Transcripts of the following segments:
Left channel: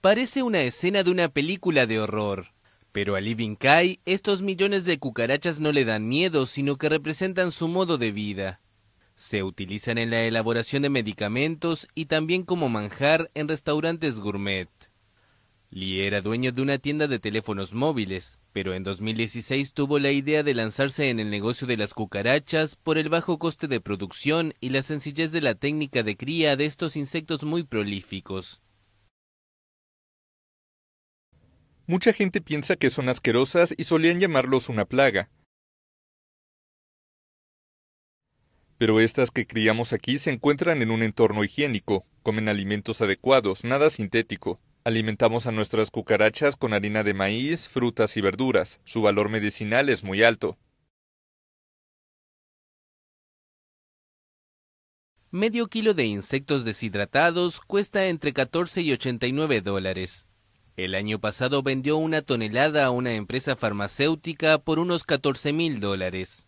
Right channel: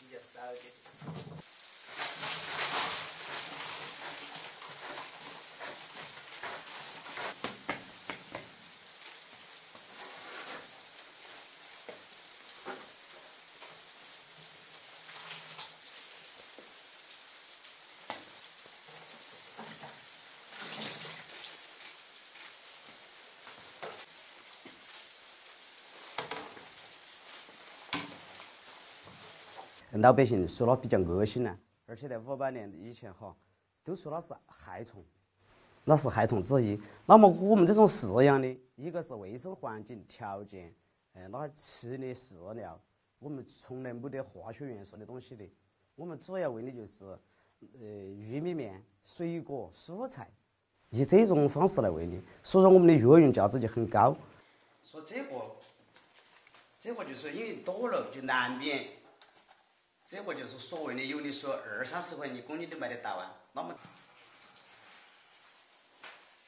Parece una escena de una película de horror, pero a Lee Bin-kai estos millones de cucarachas no le dan miedo, sino que representan su modo de vida. Se utilizan en la elaboración de medicamentos y también como manjar en restaurantes gourmet. Lee era dueño de una tienda de teléfonos móviles, pero en 2016 tuvo la idea de lanzarse en el negocio de las cucarachas por el bajo coste de producción y la sencillez de la técnica de cría de estos insectos muy prolíficos. Mucha gente piensa que son asquerosas y solían llamarlos una plaga. Pero estas que criamos aquí se encuentran en un entorno higiénico, comen alimentos adecuados, nada sintético. Alimentamos a nuestras cucarachas con harina de maíz, frutas y verduras. Su valor medicinal es muy alto. Medio kilo de insectos deshidratados cuesta entre 14 y 89 dólares. El año pasado vendió una tonelada a una empresa farmacéutica por unos 14.000 dólares.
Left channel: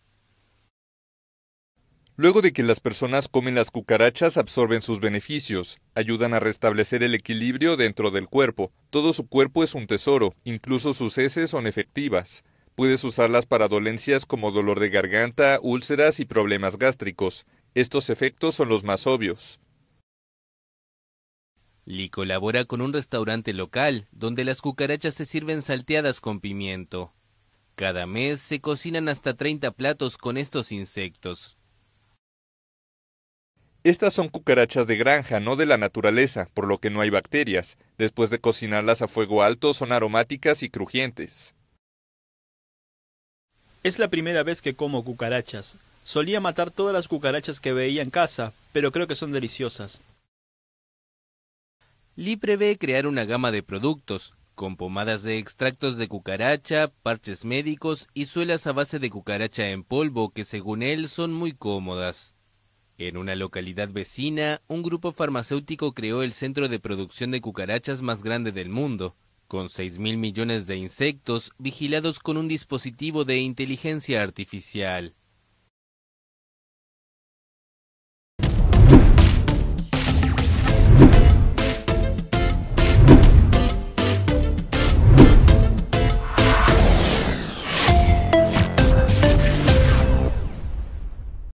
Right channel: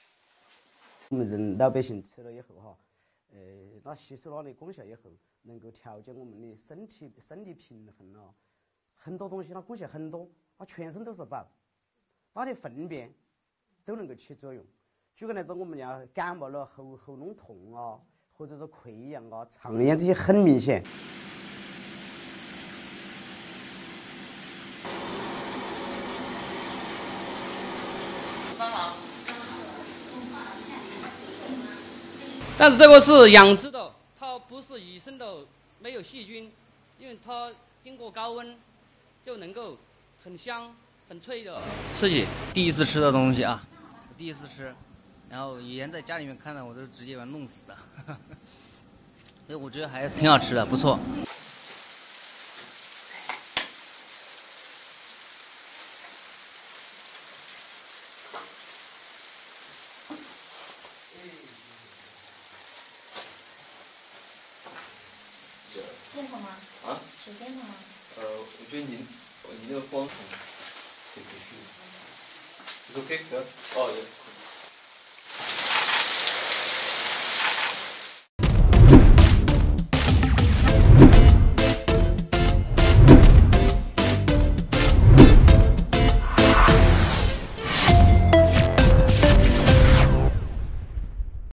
Luego de que las personas comen las cucarachas, absorben sus beneficios, ayudan a restablecer el equilibrio dentro del cuerpo. Todo su cuerpo es un tesoro, incluso sus heces son efectivas. Puedes usarlas para dolencias como dolor de garganta, úlceras y problemas gástricos. Estos efectos son los más obvios. Lee colabora con un restaurante local, donde las cucarachas se sirven salteadas con pimiento. Cada mes se cocinan hasta 30 platos con estos insectos. Estas son cucarachas de granja, no de la naturaleza, por lo que no hay bacterias. Después de cocinarlas a fuego alto, son aromáticas y crujientes. Es la primera vez que como cucarachas. Solía matar todas las cucarachas que veía en casa, pero creo que son deliciosas. Lee prevé crear una gama de productos, con pomadas de extractos de cucaracha, parches médicos y suelas a base de cucaracha en polvo que según él son muy cómodas. En una localidad vecina, un grupo farmacéutico creó el centro de producción de cucarachas más grande del mundo, con 6.000 millones de insectos vigilados con un dispositivo de inteligencia artificial.